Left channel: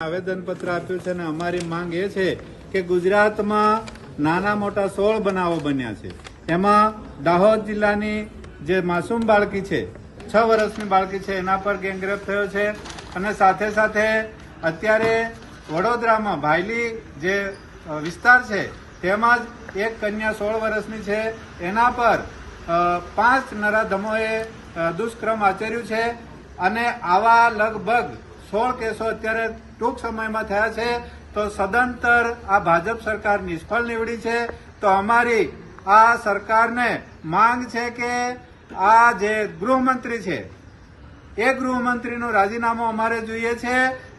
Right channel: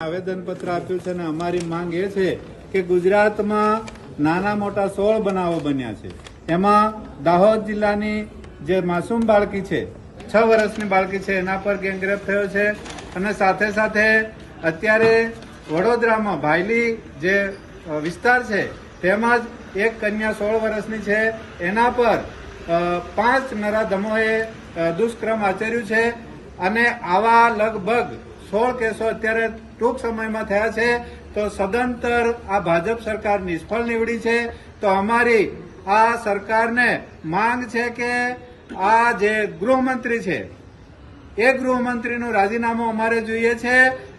આવેદનપત્ર આપ્યું છે અને અમારી માંગ એ છે કે ગુજરાતમાં નાના મોટા 16 બનાવો બન્યા છે। એમાં દાહોદ જિલ્લાની જે માસૂમ બાળકી છે 6 વર્ષની બાળકી છે એના પર ગેંગરેપ થયો છે અને સાથે સાથે અત્યારે વડોદરામાં ભાયલી જે વિસ્તાર છે તેમાં જ એક કન્યા 16 વર્ષની છે એના પર 5 નરાધમોએ દુષ્કર્મ આચર્યું છે અને આવા લગભગ 16 કેસો અત્યારે ટૂંક સમયમાં થયા છે। તો સદંતર આ ભાજપ સરકાર નિષ્ફળ નીવડી છે। તો અમારી આ સરકારને માંગ છે કે આ જે ગૃહમંત્રી છે એ ગૃહમંત્રીનું રાજીનામું અમારે જોઈએ છે।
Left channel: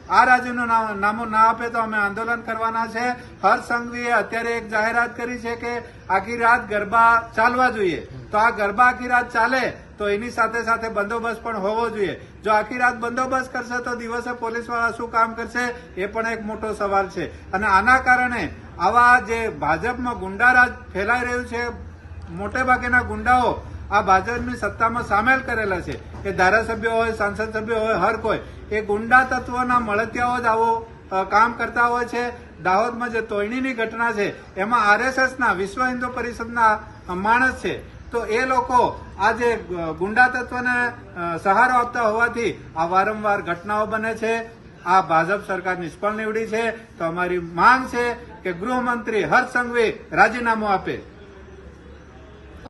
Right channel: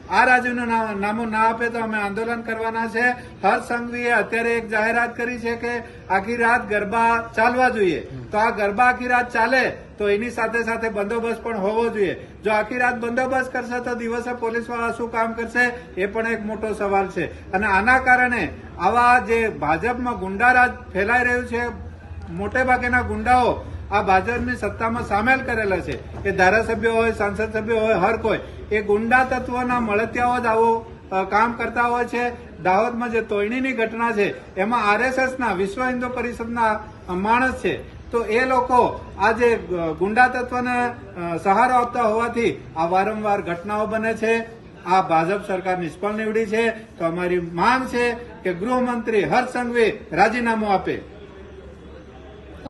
આ રાજીનામું ના આપે તો અમે આંદોલન કરવાના છે। હર્ષ સંઘવીએ અત્યારે એક જાહેરાત કરી છે કે આખી રાત ગરબા ચાલવા જોઈએ। તો આ ગરબા આખી રાત ચાલે તો એની સાથે સાથે બંદોબસ્ત પણ હોવો જોઈએ। જો આખી રાત બંદોબસ્ત કરશે તો દિવસે પોલીસવાળા શું કામ કરશે એ પણ એક મોટો સવાલ છે। અને આના કારણે આવા જે ભાજપમાં ગુંડારાજ ફેલાઈ રહ્યું છે, મોટે ભાગેના ગુંડાઓ આ ભાજપની સત્તામાં સામેલ કરેલા છે કે ધારાસભ્યો હોય, સાંસદ સભ્યો હોય, હર કોઈ એ ગુંડા તત્વોના મળતિયાઓ જ આવો કામ કરતા હોય છે। દાહોદમાં જે તોયણીની ઘટના છે એમાં આરએસએસના વિશ્વ હિન્દુ પરિષદના માણસ છે, તો એ લોકો આ જે ગુંડા તત્વને સહારો આપતા હોવાથી આ વારંવાર ઘટનાઓ બને છે। આ ભાજપ સરકાર નિષ્ફળ નીવડી છે। તો અમારી માંગ છે કે ગૃહમંત્રી હર્ષ સંઘવી રાજીનામું આપે।